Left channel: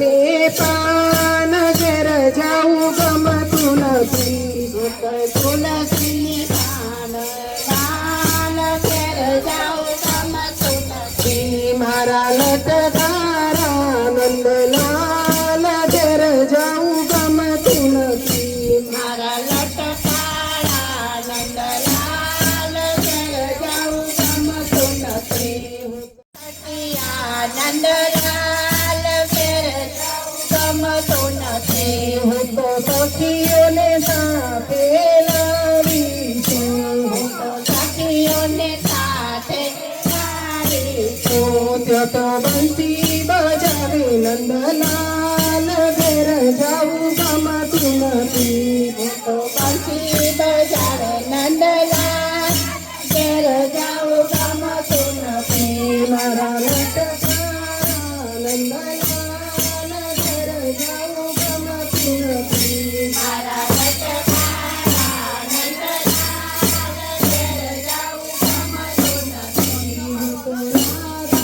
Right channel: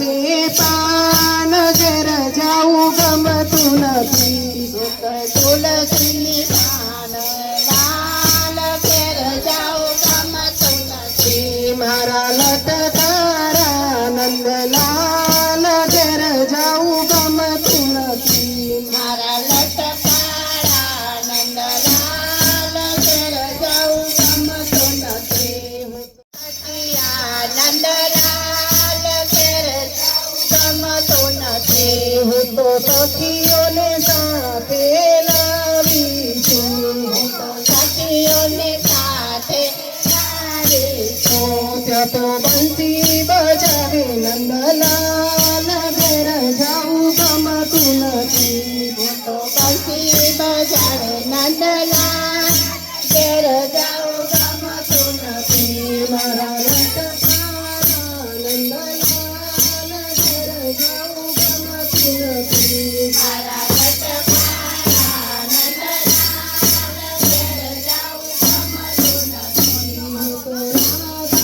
છે પાન ઘેર જાવું ગમતું નથી તુલસી પાન લાલ ઘેર જાવું ગમતું નથી મારા લટકારા નંદલાલ ઘેર જાવું ગમતું નથી મારા લટકારા નંદલાલ ઘેર જાવું ગમતું નથી નંદલાલ ઘેર જાવું ગમતું નથી હું તો સખીઓને સાથે લાવી છું હું તો સખીઓને સાથે લાવી છું ત્યાં તો બંસી બજાવી નંદલાલ ઘેર જાવું ગમતું નથી ત્યાં તો બંસી બજાવે નંદલાલ ઘેર જાવું ગમતું નથી મારા લટકારા નંદલાલ ઘેર જાવું ગમતું નથી મારા લટકારા નંદલાલ ઘેર જાવું ગમતું નથી હું તો રાધાને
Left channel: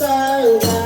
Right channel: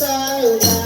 સાથે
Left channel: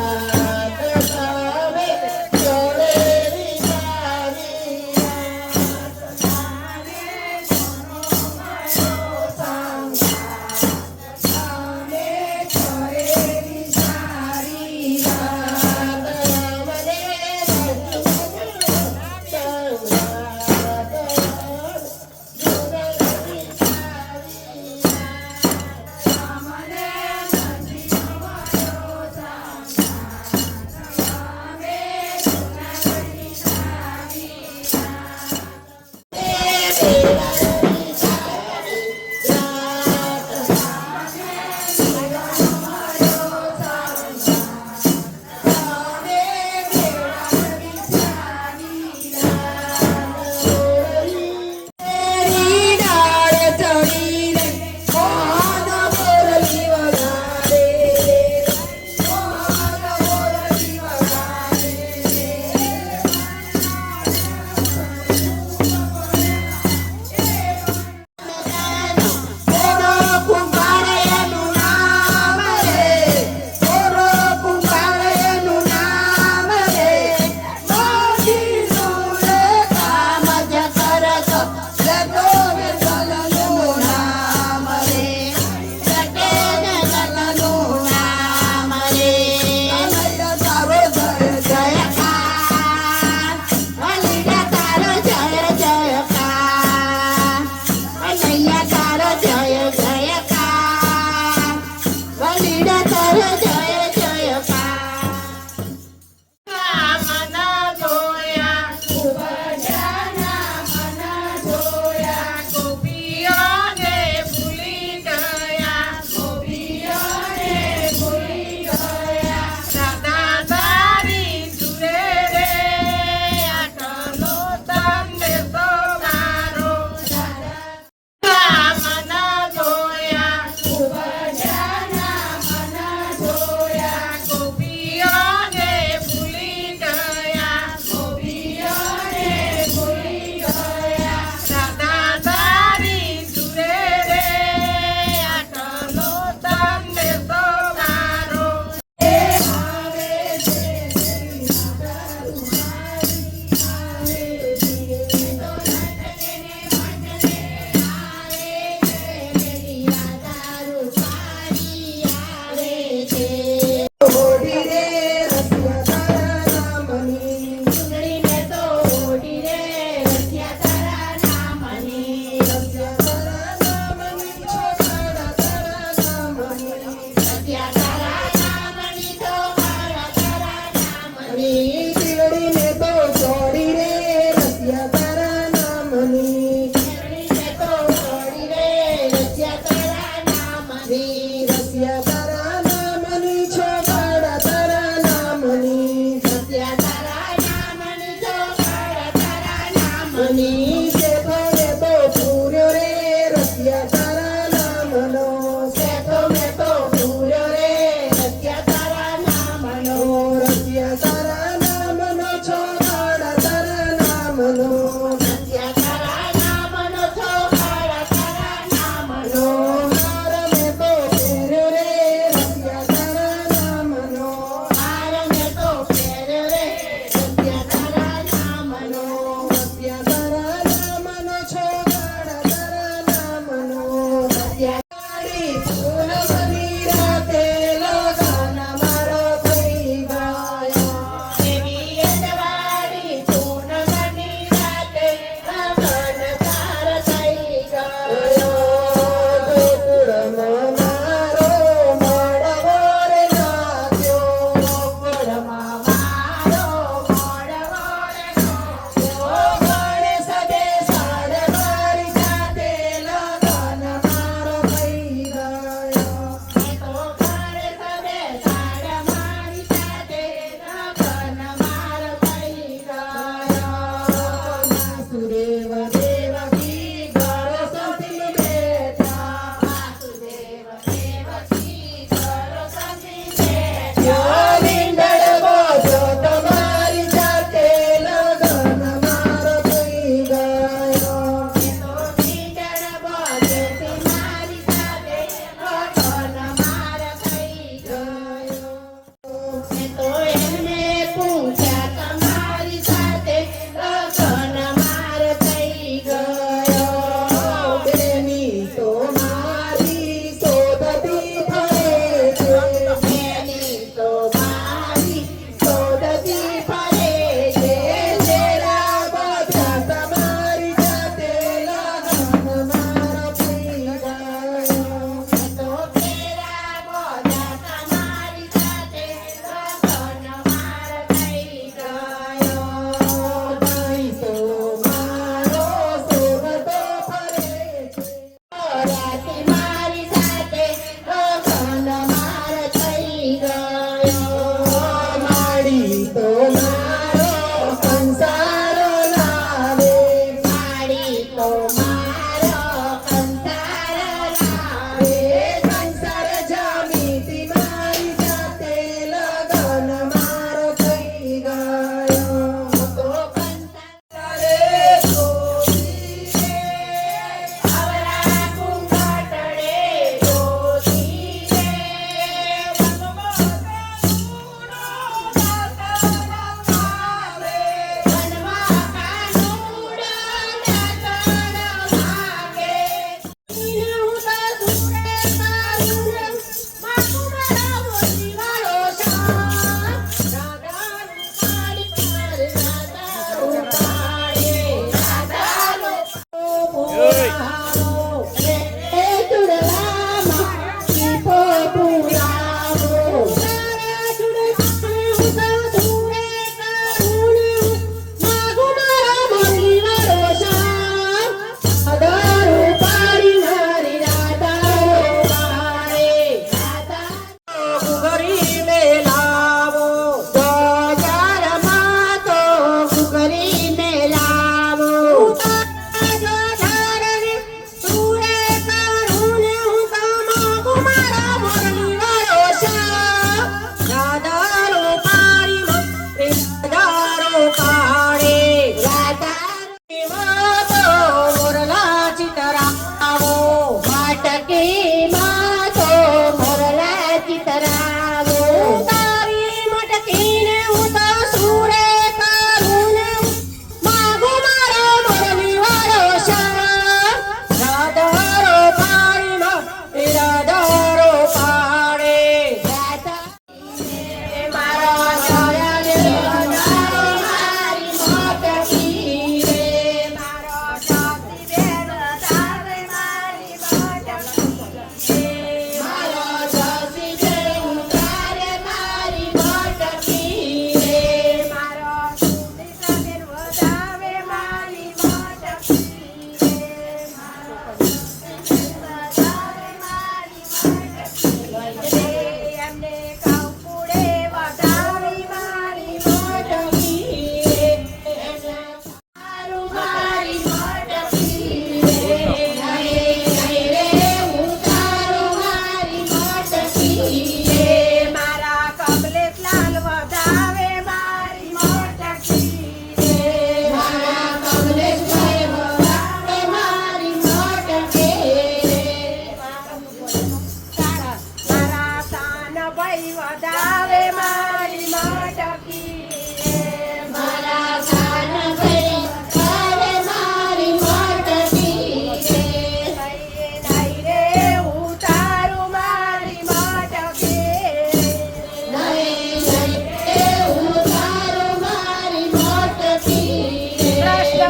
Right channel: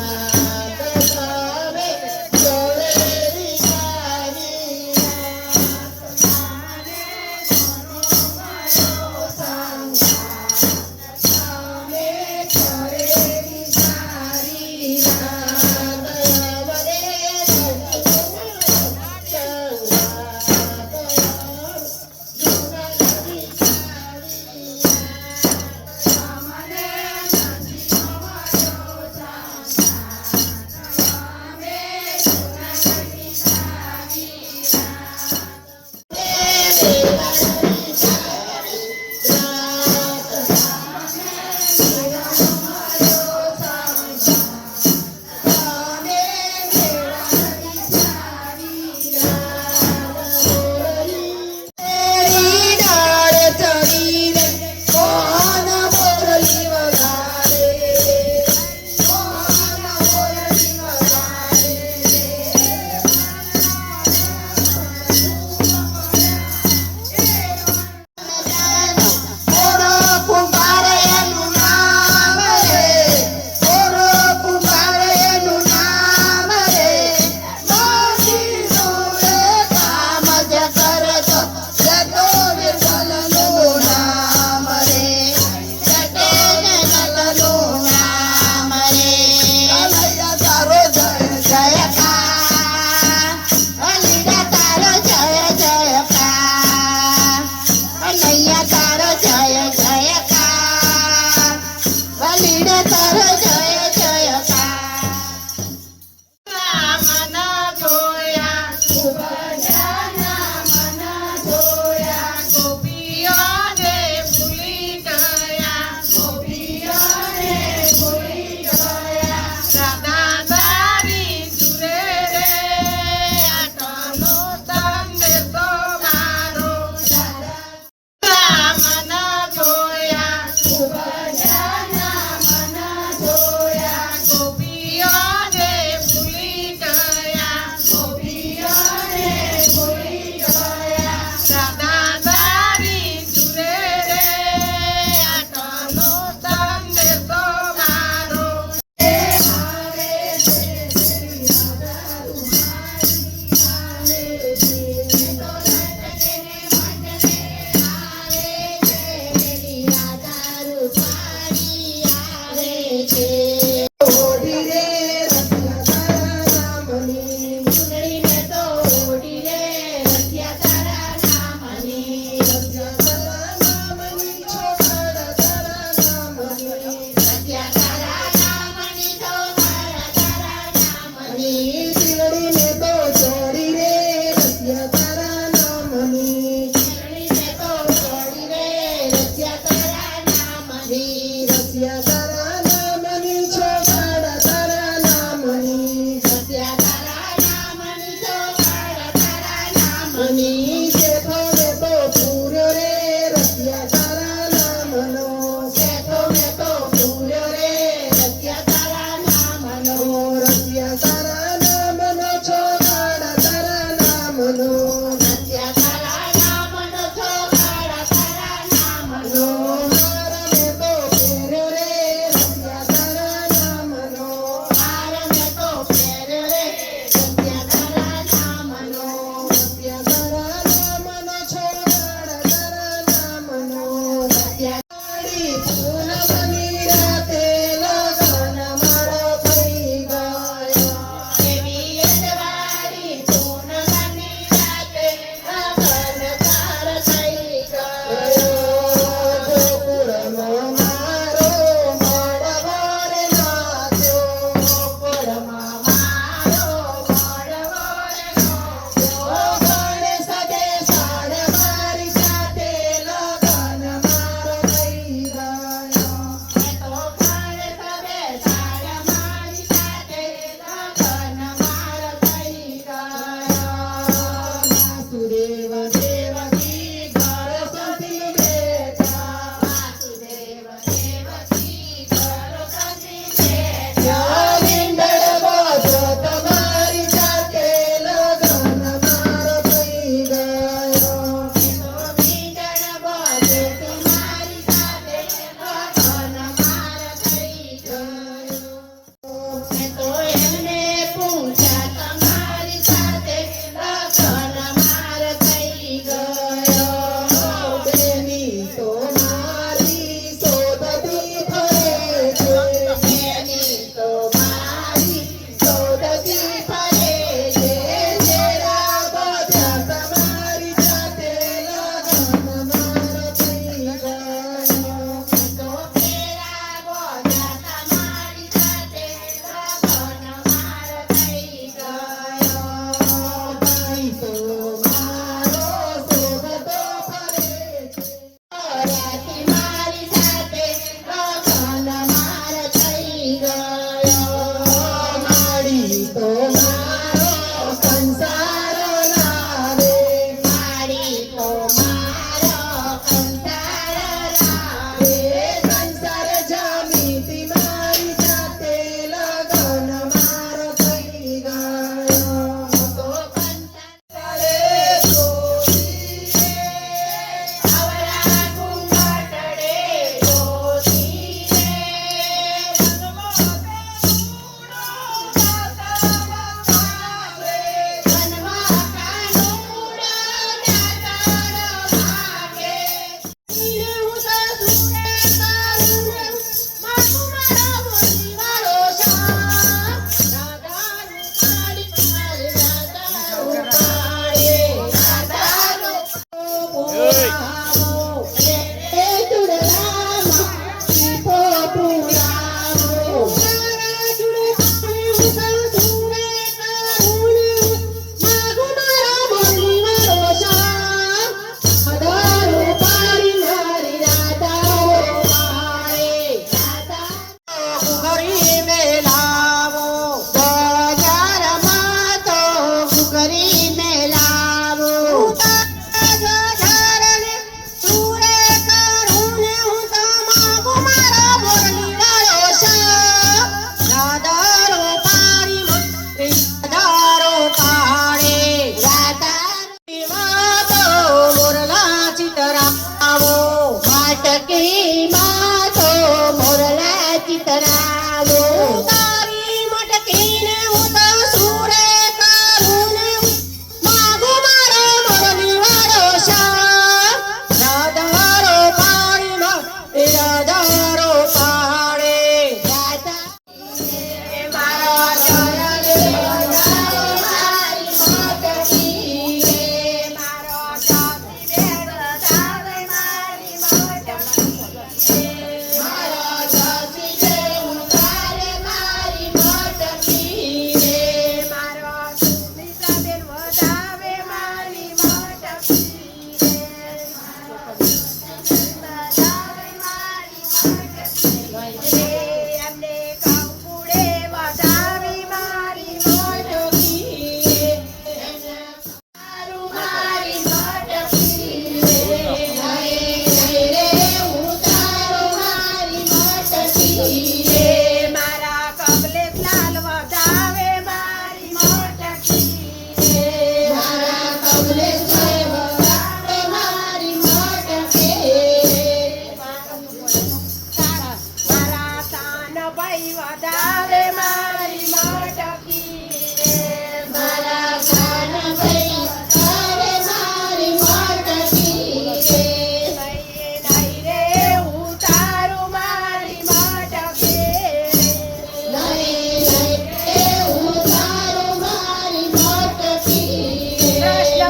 નામની શેઠો મેં તો પૂર્યો રે રસિયા તારા નામનો શેઠો મેં તો પૂર્યો રે રસિયા તારા નામનો રસિયા તારા નામનો છો કાળા તારા નામનો રસિયા તારા નામનો છો કાળા તારા નામનો હાર મેં તો પહેર્યો રે રસિયા તારા નામનો હાર મેં તો પહેર્યો રે રસિયા તારા નામનો રસિયા તારા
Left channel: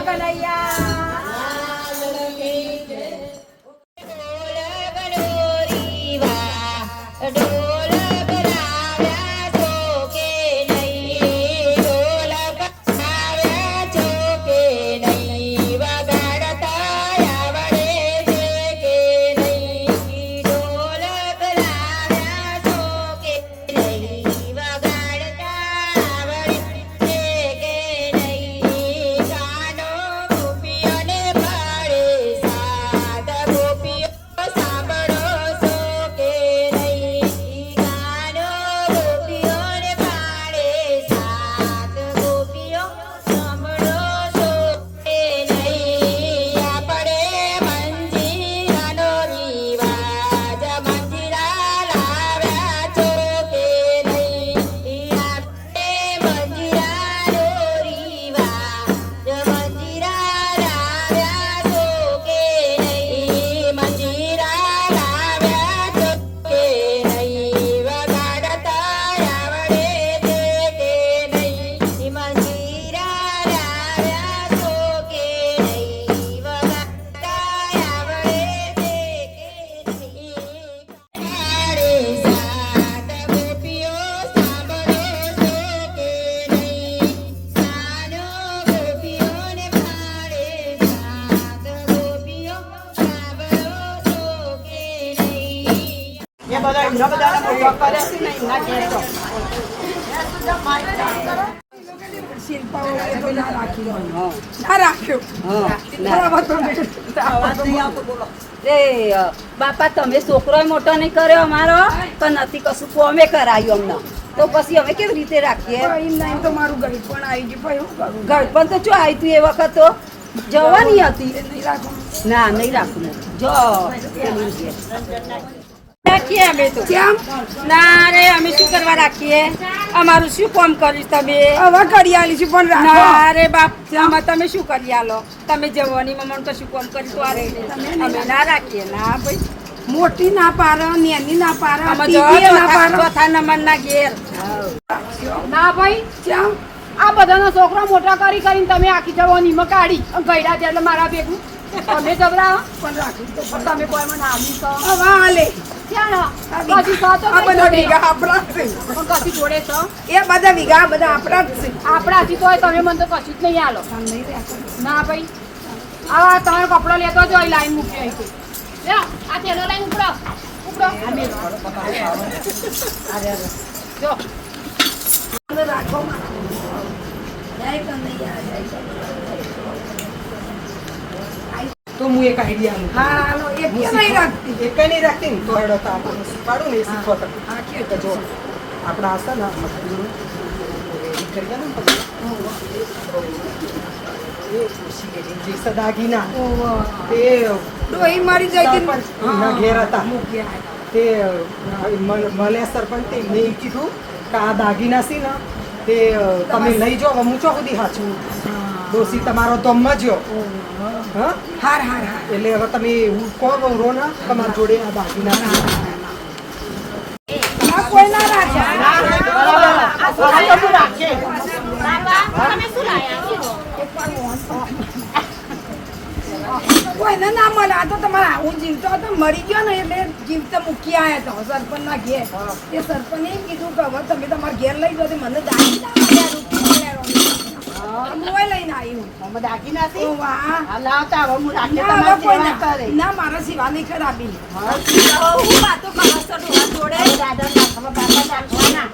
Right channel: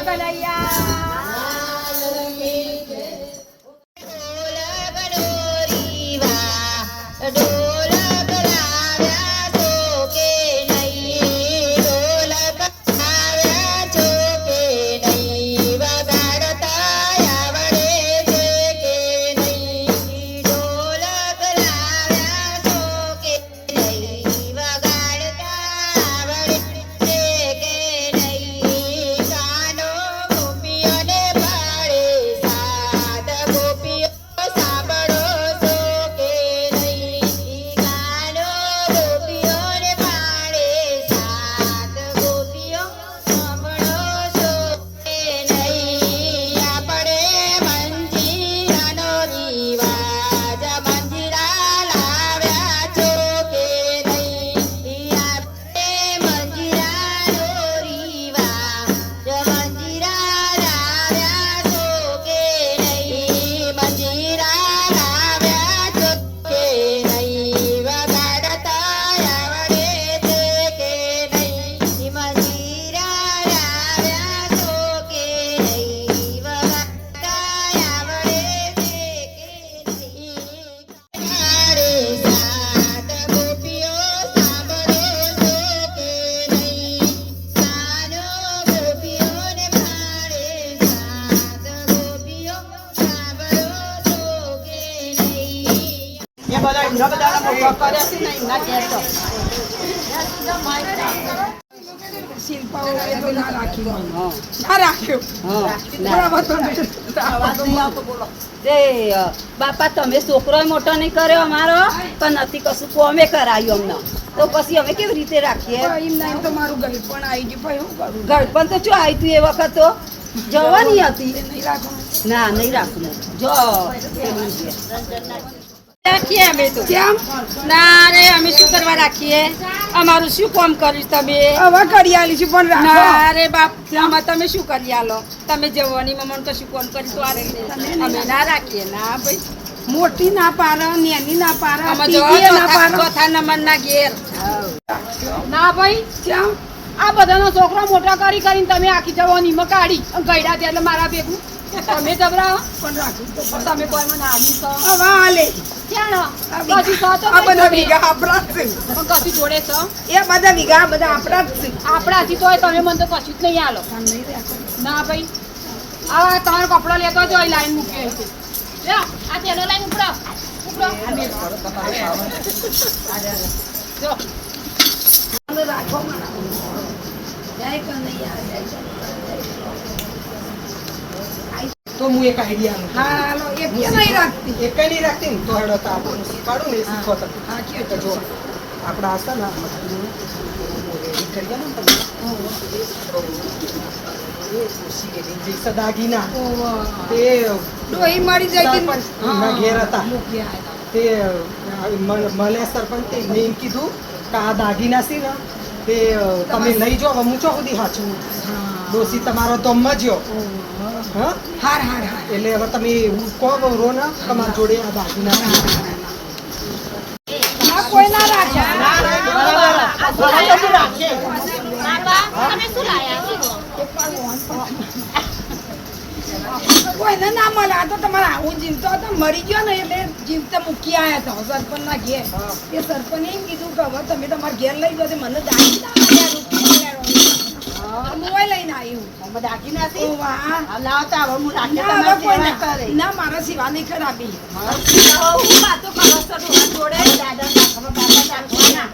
કનૈયા બાપા તમે છોકરો મોટો નહીં કર્યો અમારો તો નથી કશું કોમે કરાયું અમને તો પછી અમે કેવી રીતે રાખીએ તો મારું ગઈ પણ આવી ગયું ભાઈ હું કરું ગળપણ તો શું આવ્યું તું એ વખત તો જવાની હતી નહીં રાખો ના નહીં રાખવું જો રાખીએ અમે તો કેમ ના રે અમે શું કરવા રાખીએ અમારું શું કામ કરીશ તમે હવે કરી આલીશું પણ રાખો ના રે બાપ આમાં તમે શું કરી આલો તમે જવાની મમ્મી તો શું કામ કરી તો આ અમે ના રાખીએ ના ભાઈ મોટી ના પારે નેની ના પારે આમાં ટીવી ના પારે ચોથા નંબર ના ઘેર ના ભાઈ કેમ આ બધાનો છોકરો મોટા કરીને તમે આખી જવાનીમાં કાઢી ગયડા છે એટલે મારા ભેગું તમે જબરા પણ રાખું તો પણ તમે કોઈ મને આવી છો હવે હાલે ક્યાં કશી છો તો આ બધા વીઘા આપણા જ છે પણ કશી જોડે છો એ બધા વીઘા બધા આપણા જ છે આપણાથી તો તમે મને તો કશું જ નહીં આલો નહીં રાખો ના ભાઈ આ તમારો કપડો લેતો જો અહીં લાઈન મૂકી અહીં છે લ્યો આ તેનો લાઈન ઉપડો ઉપડો જો રાખો મારા જય કનૈયા જય કનૈયા તો હું એક આઈડિયા આલું હા હાલો એક કે નહીં રાખતી એક નહીં રાખતી ને તો હેડો તો આપણને શીખવાડું ને એ શીખો તો હા કેવું તો જો આપણા હશે ને મસ્તીનું રેડી કરી ગયા ને તમે એ ખુશી ગયેલી જે સદાગીના તે ડોહી મારી જાય સરપંચના ઘેર હતા તે મને સરપંચ એમને એમ કીધું કે આ દાગીના છે ને તે તમે લઈ જાઓ હું ચો સુધી હાચું ડોસી તમારો તો મજ્યો હા હાર હાર હાર એટલે હવે તમે કહો રો ને તમારા જોડે આ દાગીના આ કોઈ ના રાખે કોઈને ના મળે આ તો તમારે આવું જીવતો હતો મરી ગયો ને એટલે જીવતા મૂકી આવ્યા હતા સરપંચ ના ઘેર એ સરપંચ એમ કીધું કે હવે તમે તમારા ઘેર લઈ જાઓ મને દાગી ના મળ્યા રૂપિયા મોય લઈને આવ્યું દાગીના છે ઓ વાહ લાવતા હવે હું રાખી ના, હવે તમારે કોઈ સેવા ના કરે ના મારા સિવા નહીં ખરાબી હું વાતો કરો છો ડોહા જોડે દાદા નાખવા બાપા નાખવાના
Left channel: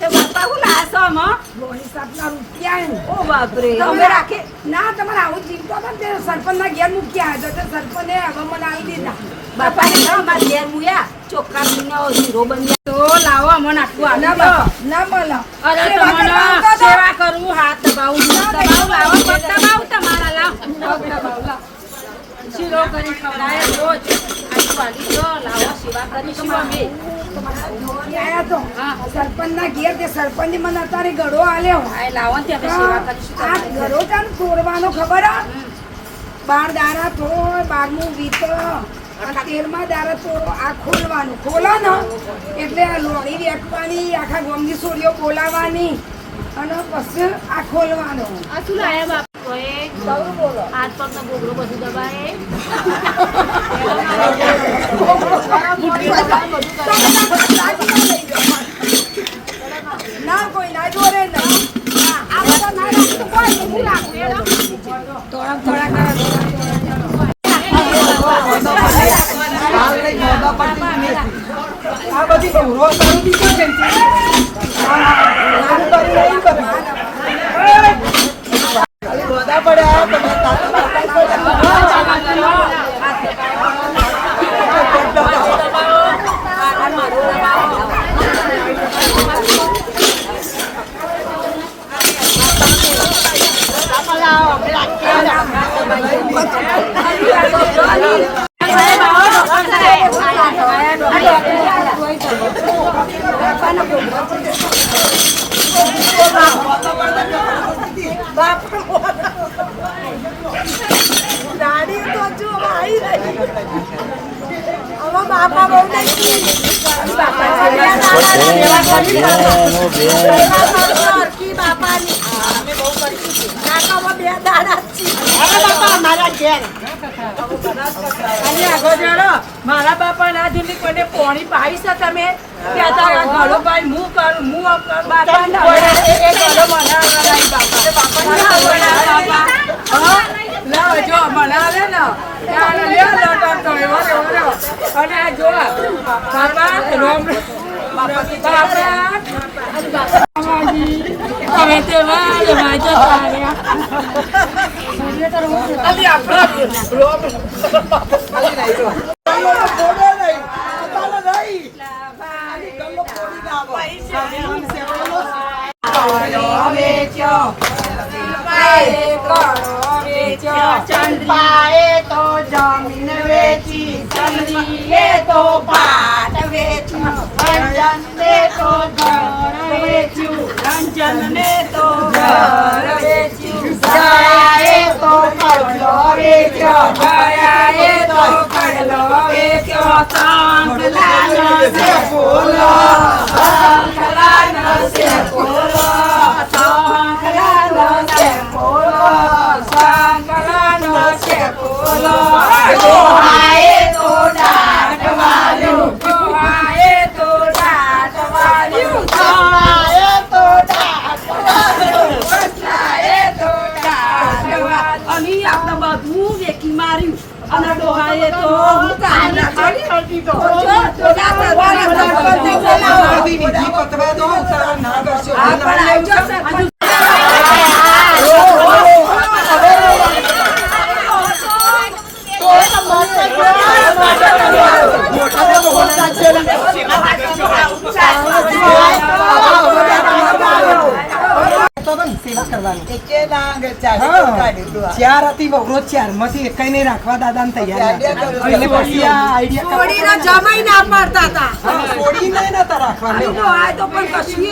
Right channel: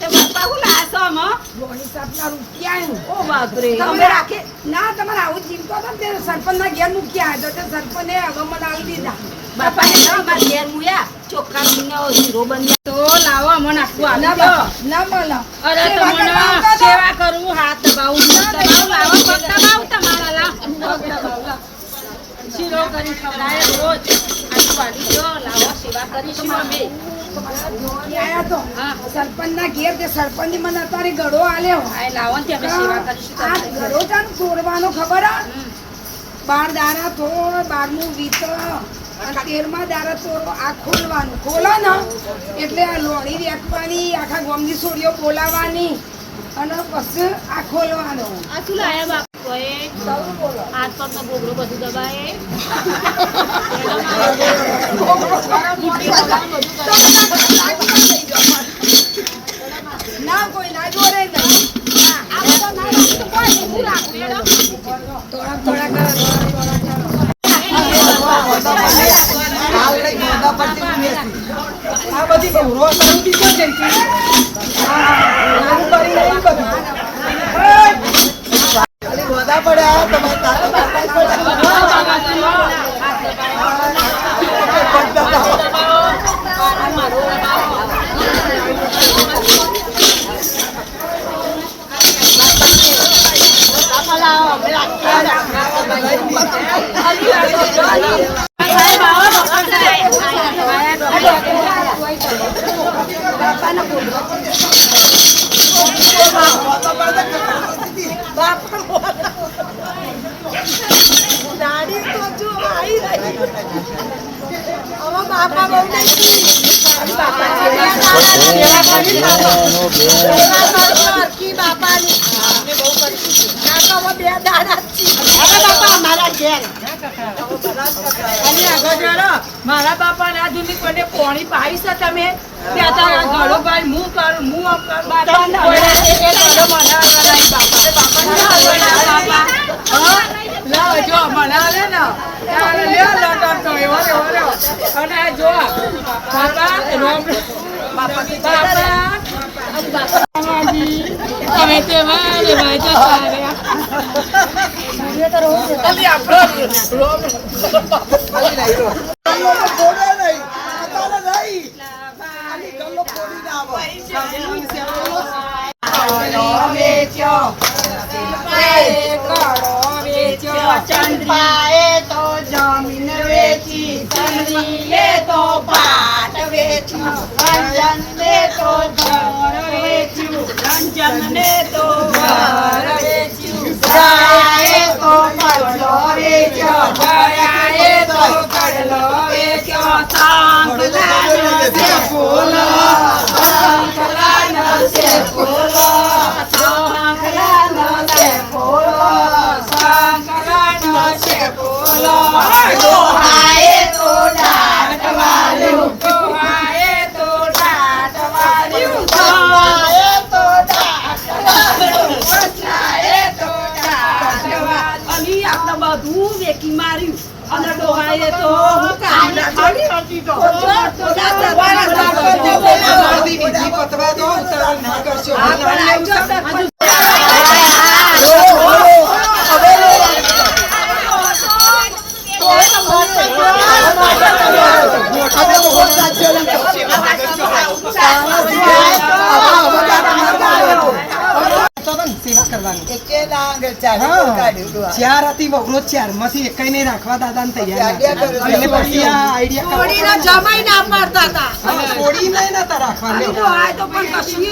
તે બાપા હું લાસો માં ગોળી સાપના રૂપિયા ઓ બાપરે તમે તમે રાખે ના તમારે આવું જીવતો હતો ને તે સરપંચ ના ઘેર મૂકી આવ્યો તો સરપંચે હવે મને આવી દીધા બાપાને ના માર ઘેર મુયા ચોખ્ખા મીનો જીરો બંધ્યા તો લાવો મને આટલું ના આવી દો બાપા, ના મળો અરે સેવા તમને કરવા આવતા હતા? સેવા કરું હાથ દબાવું દબાવું લાવો પગ દબાવું તમારા લાવ પગ દબાવું લાવ શીરો કરી ખવડાય રોજ આટલું વાલી દો લાવો સેવા કરીશું અમે આયા તો હા. સરપંચ ના ઘેર તે સરપંચ ની મને અત્યારે ગળો આલ્યો આ લાવો ને અમે સેવા કરીશું આ તમારી. ગળો છે ને તોડવાનો ખબર હે? 12 દાડા થોડ 12મું વીત અને 13મા દાડા તોડો આ ખોલવાનું ખોલો ને એટલે આ લોણી વેચવાની આખા ગામની સોરીઓ બોલાવવાની અને પછી આ ખોલવાનો આ શું લાયા બાપ તો એ હાથ પગ નો બોગડો બધું દબાય ના કોઈ ના જોડે નહીં આ બધા ના રાખતું કોઈ એવું રાખવું એનો આ બધી બહુરો કરું બી કેમ જઈ હતી નાનું કરી નહીં બધું ગોદા પડ્યા તમારા દાડી તો જો આવી રહી હવે બાપા બહુ નહીં બાપાની કાકા બે દાડા મારા ઘેર અને આગળ જડો મારા બાપા ના જુની કોઈને પોણી પાઈ છે તમે ત્યાં તારા ઘડો ભાઈ હું કરું હું આમ કરું બાપા એ ઘડો મનાવવા નહીં બાપા લાવ જો મનાવે ને ત્યારે લે લટો તો એવો અને જો બાપા રોમ બાપા તમે તે વાલે વાજે ચંદ્રાએ તો જમીન વેચી ચંદ્રીએ તો ભાત વેચ્યું રંજનને તો ઘર વેચ્યું રંજનને તો ઘર વેચ્યું દયાએ તો કડલો વેચ્યો દયાએ તો કડલો વેચ્યો સાંકલાનો છે ફૂલો સાંકલાનો છે ફૂલો સાંકલાનો છે ફૂલો દોહાએ તો દાટવાળ્યું દોહાએ તો દાટવાળ્યું દોહાએ તો દાટવાળ્યું કૃષ્ણાએ તો દાટવાળ્યું અમે આપણે બધું વેકી માર્યું અને ડોહાએ તો હું કામ ના કરી હતી તો વિધિ પતવા દો ઉતાવળ ના કરશો સેવા કરવાની ચાર હતી બહુ ચાર માંથી એક નહીં રાખવા દાદા ને તૈયાર છોડીને જમાઈ ના પાડતા હતા છોડી નહીં નતા રાખવા તો આ તો પણ કશું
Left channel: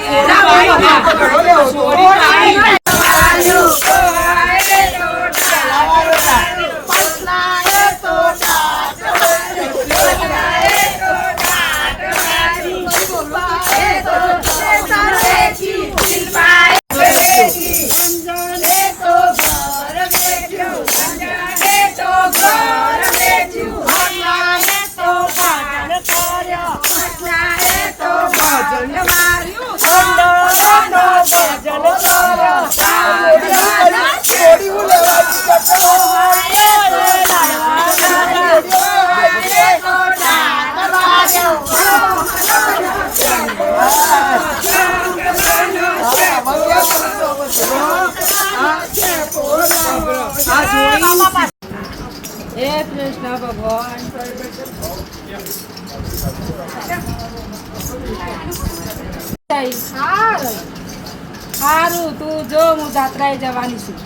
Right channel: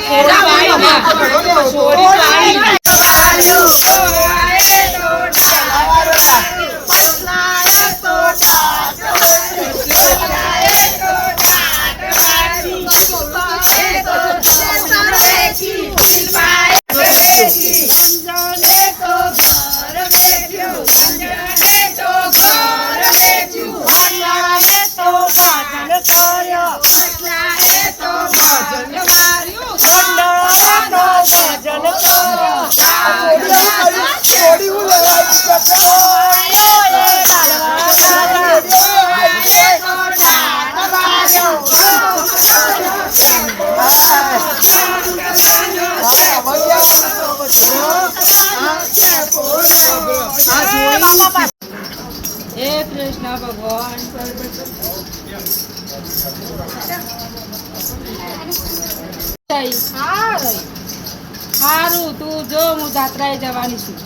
હે કૃષ્ણ ભગવાન સારું તું જો હું જાત્રાએ જવાની છું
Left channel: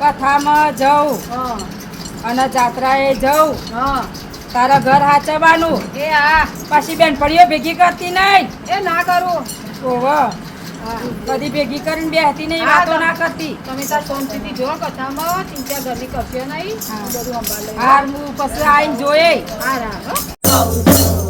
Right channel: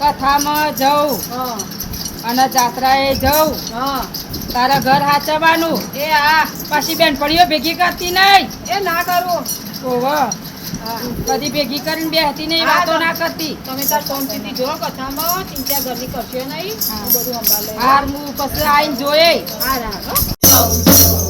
કથામાં જઉં અને જાત્રાએ જઉં તારા ઘર હાચવાનું એ હા પાછી બેનપણીઓ ભેગી કરતી નહીં એ ના કરું ઓવા કદી ભેગી કરીને બેહતી નહીં વાતો ના કરતી તમે તાર શાંતિથી જો કથામાં ચિંતા ઘરની કરશો નહીં હું બધું સંભાળ લઈ હાર હું પછી આવીને જોઈએ હા રાખ હો.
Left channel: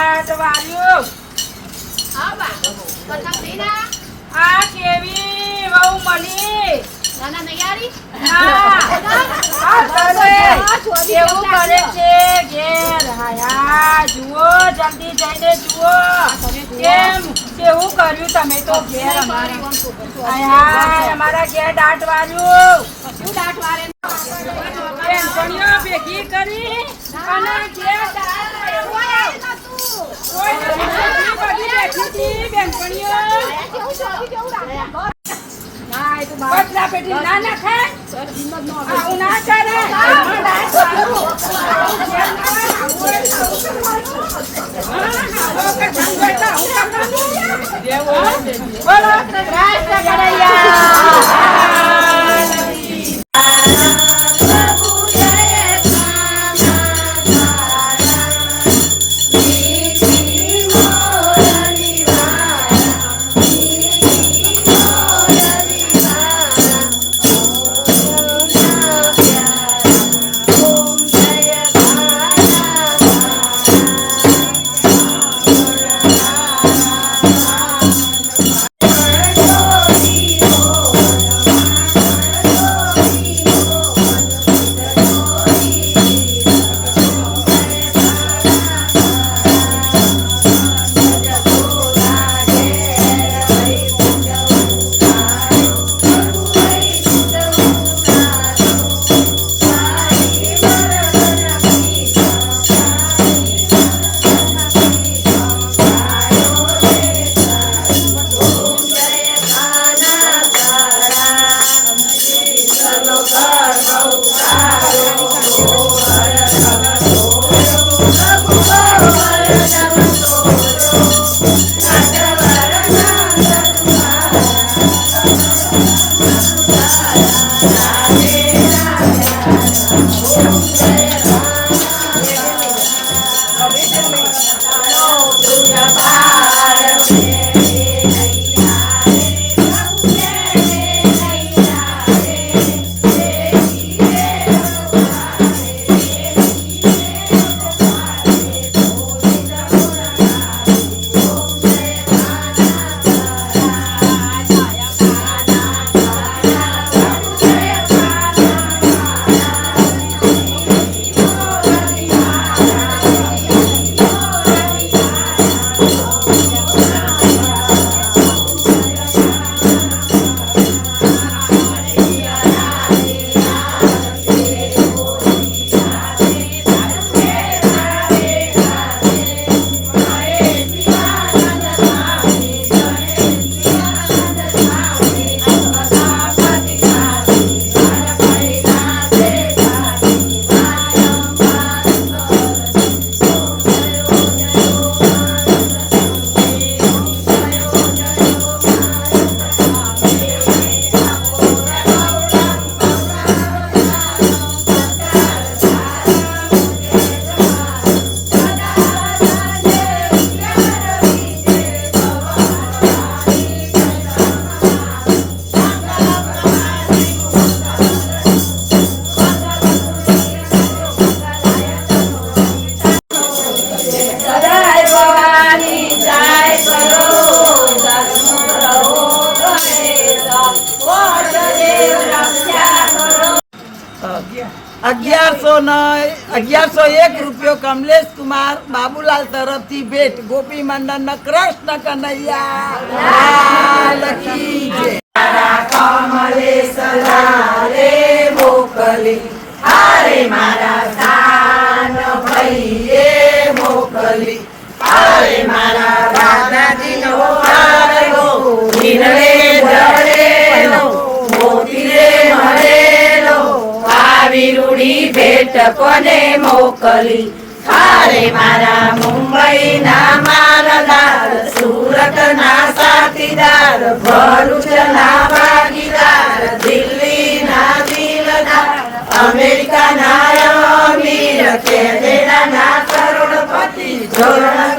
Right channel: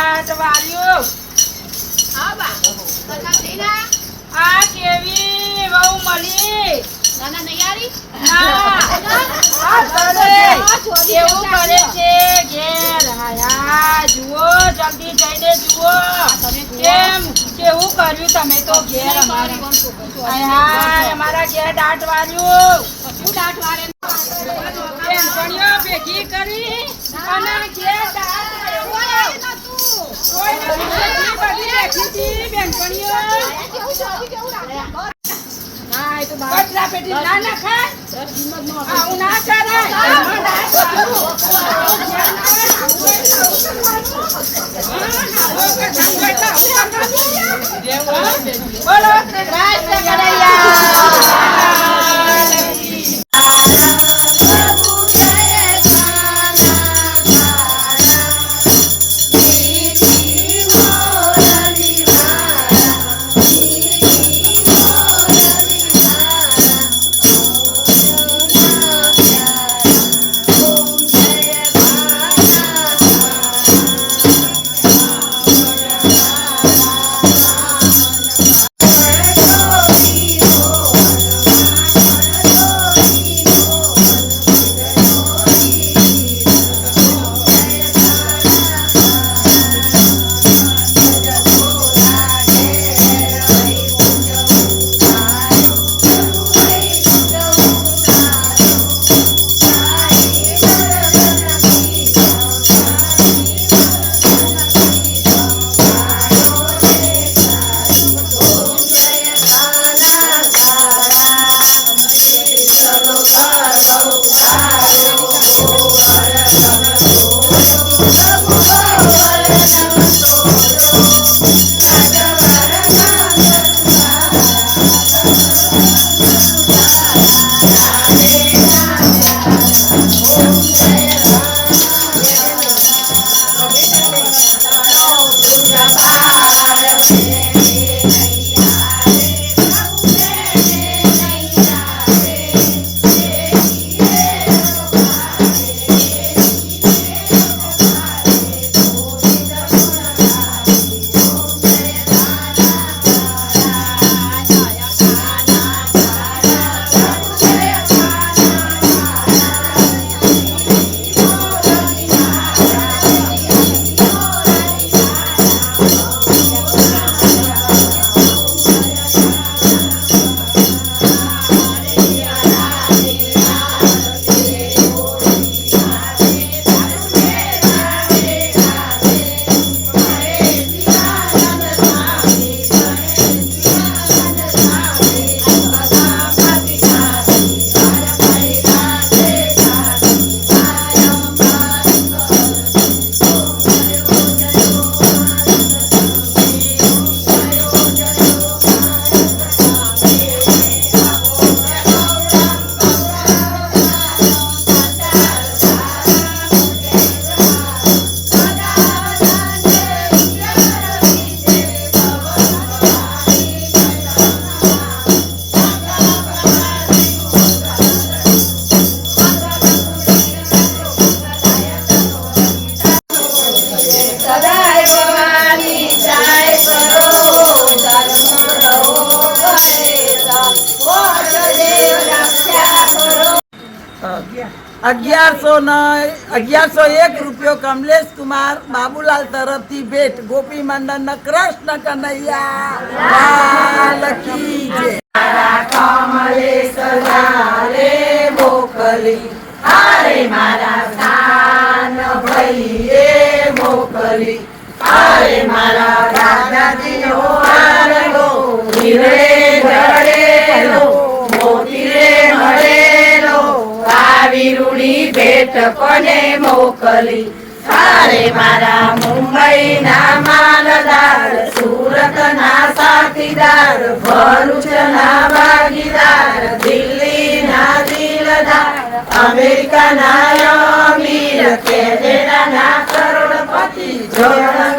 દાટ વાળ્યું હા બા પસંદ થઈ ના આ કેવી વહુ મળી નાના નૈયારી આ કરે કેવું કરે છે ઘેર હાયા જુઓ જલ્દી જઈને જુઓ કેમ કેવું કર્યું તમે તો ઘેર અમારા હાય અમારા ઘેર દાટ વાળ્યું શું દાટ વારે બેનપણીઓ ભેગી કરી અને ઘેર દાટ વાળ્યું. કોઈ નથી બેઠી, બધી બેઠી હતી બેનપણીઓ. ના એ તો બા કચરા પેટી ના નાખાય. આવું ના કરાય. એમાં દાટ વાળું. આવું ઘેર ના હોય, આવું હોય તો આવું કરવાનું. આવું કરવાનું હોય તો આવું કરવાનું. બોલો કૃષ્ણ કનૈયા. ₹1101 કમલેશ કુમાર બાબુલાલ તરફથી ભેટ ગોપી મંડળ કૃષ્ણ કનૈયા લાલ કી જય. કમલેશ લાલે મોકલી અરે મારા સાન ભાઈએ મોકલી અરે મારા દાદાજીનો હારલો હિરણે જડેલો મોતીરે મળેલો આવી રૂડી ભેટ કોને મોકલી અરે મારા મુંબઈના માલદાર સુરતના સાથીદાર ભરૂચના ભાગીદાર દિલ્હીના દિલદાર અમેરિકાના અમીર કેનેડાના કરોડપતિ જોરણ